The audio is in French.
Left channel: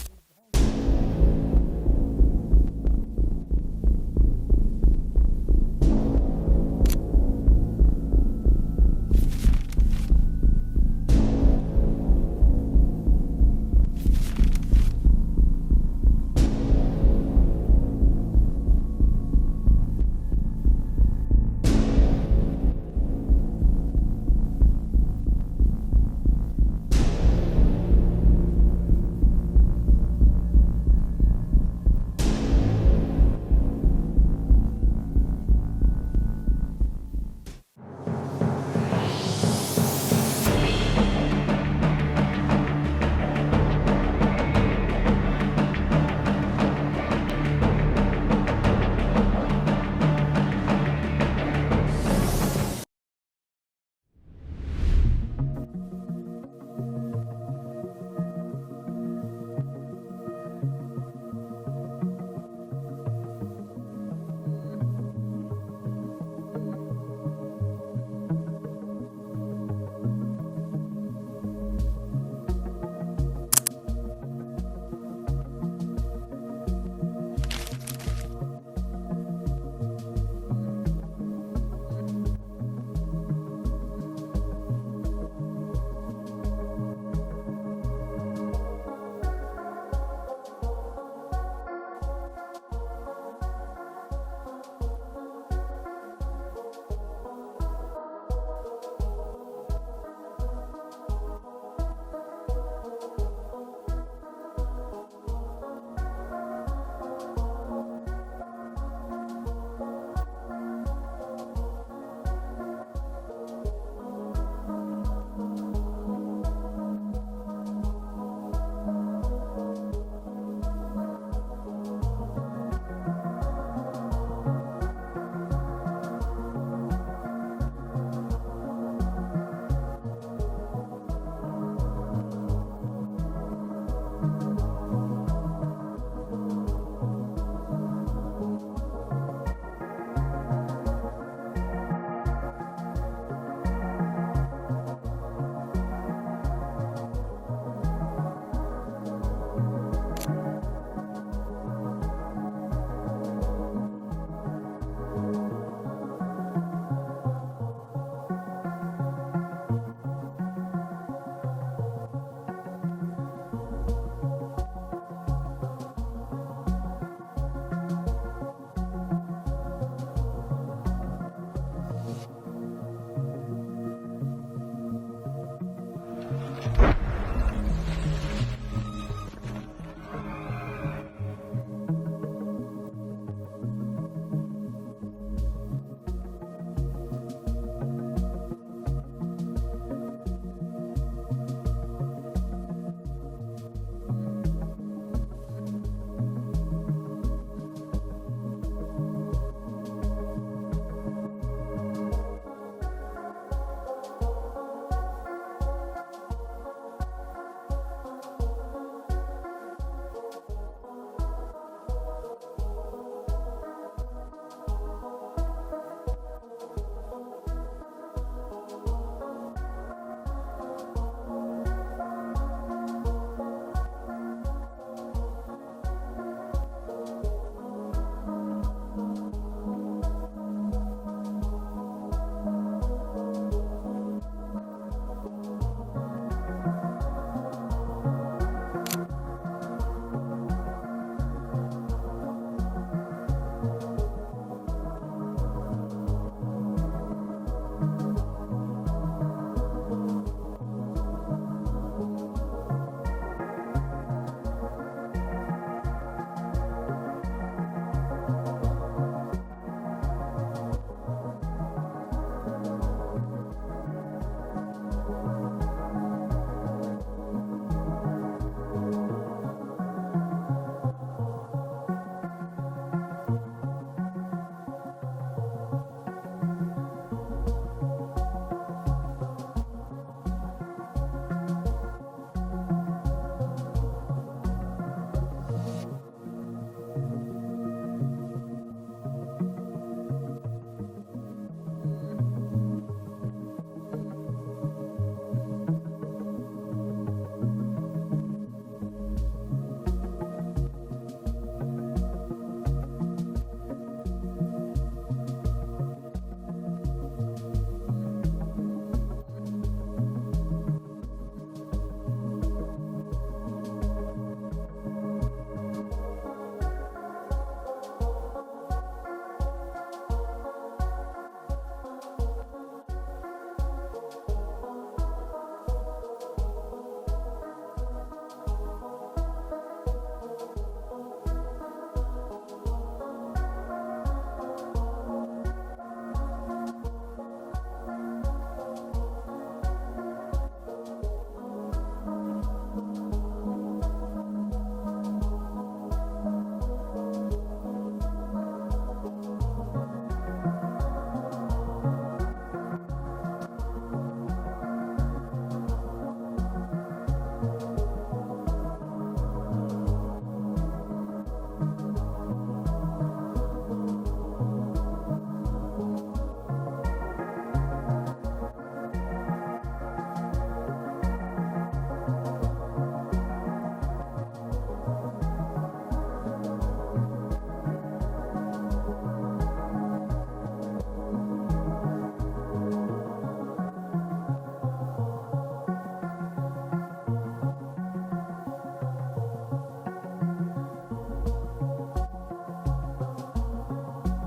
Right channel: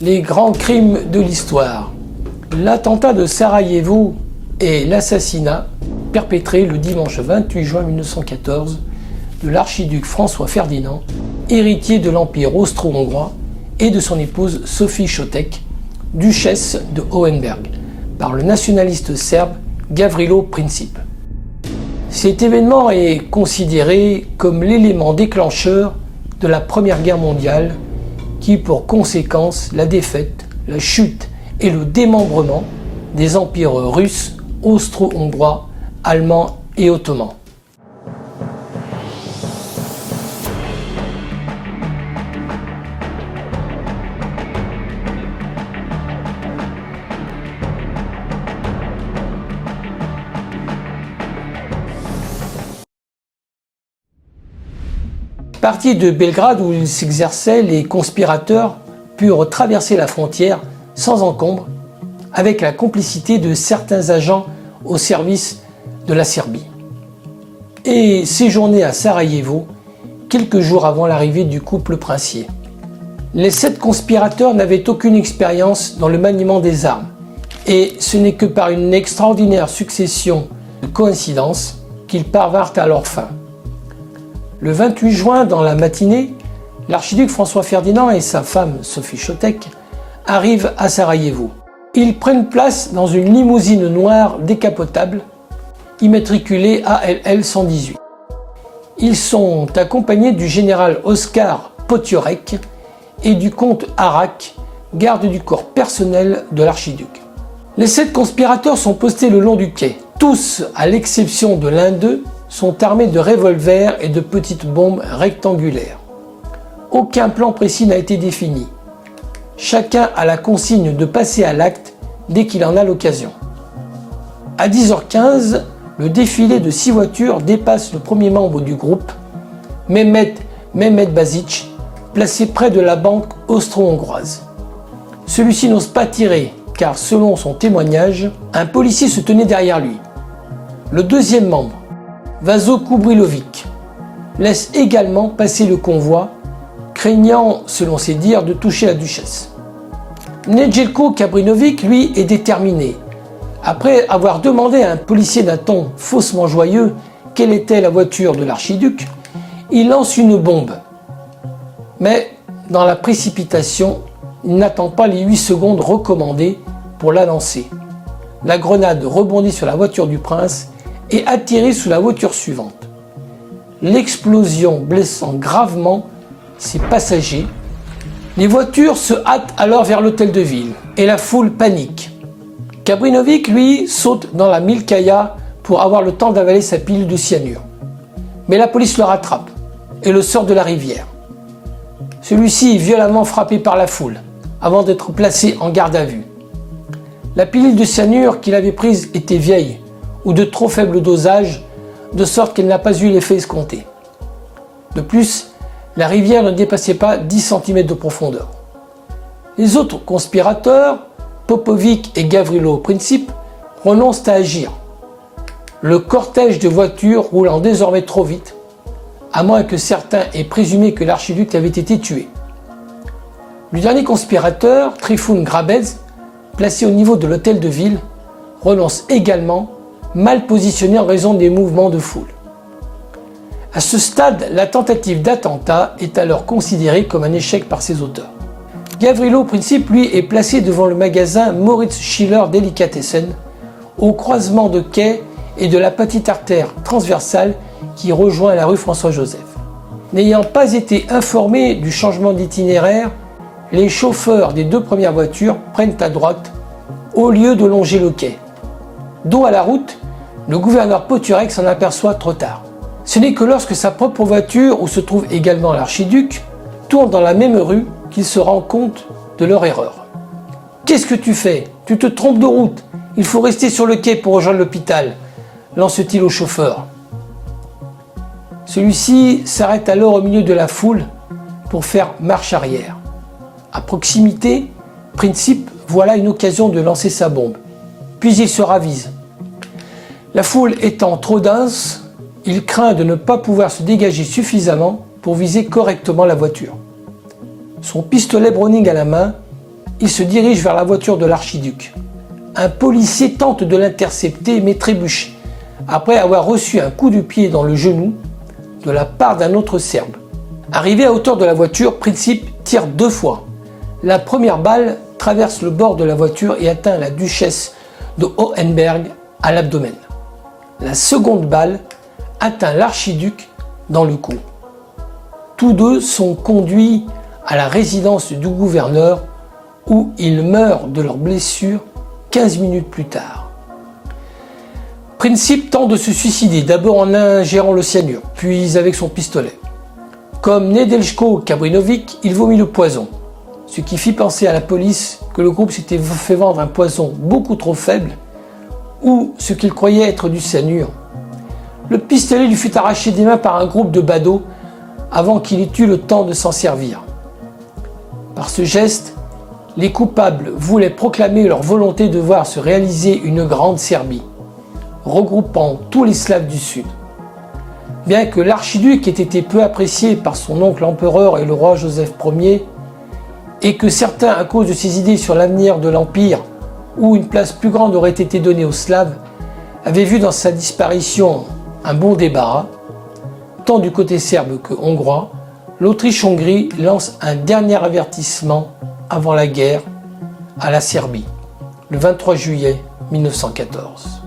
Les grands crimes de l'histoire. L'attentat de Sarajevo et l'assassinat perpétré le dimanche 28 juin 1914 de l'archiduc François Ferdinand, héritier de l'Empire austro-hongrois, et de son épouse Sophie Chotek, duchesse de Hohenberg, par le nationaliste serbe Gavrilo Princip. Cet événement est considéré comme l'élément déclencheur de la Première Guerre mondiale qui a pour conséquence la défaite, la chute et le démembrement des empires russes, austro-hongrois, allemands et ottomans. Partis de Belgrade où ils s'exerçaient, les conspirateurs purent traverser la frontière sans encombre avec la complicité de certains agents au service de la Serbie et séjourner à Sarajevo quelques jours avant l'arrivée du couple princier. Les 7 conspirateurs n'avaient aucune expérience dans le maniement des armes et ce n'est que par une extraordinaire succession de coïncidences qu'ils parvinrent à leur fin. Le 28 juin, dans la matinée, l'archiduc François Ferdinand et sa femme Sophie Chotek arrivent à Sarajevo. Ils prennent place dans une limousine noire décapotable, immatriculée ALL 118. Ils sont accompagnés du général Oskar Potiorek et du comte Arak, garde du corps personnel de l'archiduc. Les 7 conspirateurs sont postés le long du quai. Tous, à l'exception de l'un d'eux, sont armés de revolvers et de petites bombes rectangulaires. Aucun plan précis n'a été défini. Chacun a la consigne de passer à l'acte dès qu'il en a l'occasion. À 10h15, le défilé de 6 voitures dépasse le premier membre du groupe, Mehmet Bazic, placé près de la banque austro-hongroise. Celui-ci n'ose pas tirer car, selon son témoignage, un policier se tenait derrière lui. Le deuxième membre, Vaso Kubrilovic, laisse également passer le convoi, craignant, selon ses dires, de toucher la duchesse. Nedjeljko Kabrinovic, lui, est déterminé. Après avoir demandé à un policier d'un ton faussement joyeux quelle était la voiture de l'archiduc, il lance une bombe. Mais, dans la précipitation, il n'attend pas les 8 secondes recommandées pour la lancer. La grenade rebondit sur la voiture du prince et atterrit sous la voiture suivante. L'explosion blessant gravement ses passagers. Les voitures se hâtent alors vers l'hôtel de ville et la foule panique. Kabrinovic, lui, saute dans la Milkaya pour avoir le temps d'avaler sa pilule de cyanure. Mais la police le rattrape et le sort de la rivière. Celui-ci est violemment frappé par la foule avant d'être placé en garde à vue. La pilule de cyanure qu'il avait prise était vieille ou de trop faible dosage, de sorte qu'elle n'a pas eu l'effet escompté. De plus, la rivière ne dépassait pas 10 cm de profondeur. Les autres conspirateurs, Popovic et Gavrilo Princip, renoncent à agir. Le cortège de voitures roulant désormais trop vite, à moins que certains aient présumé que l'archiduc avait été tué. Le dernier conspirateur, Trifun Grabez, placé au niveau de l'hôtel de ville, renonce également, mal positionné en raison des mouvements de foule. À ce stade, la tentative d'attentat est alors considérée comme un échec par ses auteurs. Gavrilo Princip, lui, est placé devant le magasin Moritz Schiller Delikatessen, au croisement de quai et de la petite artère transversale qui rejoint la rue François-Joseph. N'ayant pas été informés du changement d'itinéraire, les chauffeurs des 2 premières voitures prennent à droite au lieu de longer le quai. Dos à la route, le gouverneur Potiorek s'en aperçoit trop tard. Ce n'est que lorsque sa propre voiture, où se trouve également l'archiduc, tourne dans la même rue qu'il se rend compte de leur erreur. « Qu'est-ce que tu fais? Tu te trompes de route. Il faut rester sur le quai pour rejoindre l'hôpital », lance-t-il au chauffeur. Celui-ci s'arrête alors au milieu de la foule pour faire marche arrière. À proximité, Princip voit là une occasion de lancer sa bombe. Puis il se ravise. La foule étant trop dense, il craint de ne pas pouvoir se dégager suffisamment pour viser correctement la voiture. Son pistolet Browning à la main, il se dirige vers la voiture de l'archiduc. Un policier tente de l'intercepter mais trébuche, après avoir reçu un coup de pied dans le genou de la part d'un autre Serbe. Arrivé à hauteur de la voiture, Princip tire 2 fois. La première balle traverse le bord de la voiture et atteint la duchesse de Hohenberg à l'abdomen. La seconde balle atteint l'archiduc dans le cou. Tous deux sont conduits à la résidence du gouverneur où ils meurent de leurs blessures 15 minutes plus tard. Princip tente de se suicider, d'abord en ingérant le cyanure, puis avec son pistolet. Comme Nedeljko Kabrinovic, il vomit le poison, ce qui fit penser à la police que le groupe s'était fait vendre un poison beaucoup trop faible ou ce qu'il croyait être du cyanure. Le pistolet lui fut arraché des mains par un groupe de badauds avant qu'il ait eu le temps de s'en servir. Par ce geste, les coupables voulaient proclamer leur volonté de voir se réaliser une grande Serbie, regroupant tous les Slaves du Sud. Bien que l'archiduc ait été peu apprécié par son oncle empereur et le roi Joseph Ier, et que certains, à cause de ses idées sur l'avenir de l'Empire, où une place plus grande aurait été donnée aux Slaves, avaient vu dans sa disparition un bon débarras, tant du côté serbe que hongrois, l'Autriche-Hongrie lance un dernier avertissement avant la guerre à la Serbie, le 23 juillet 1914.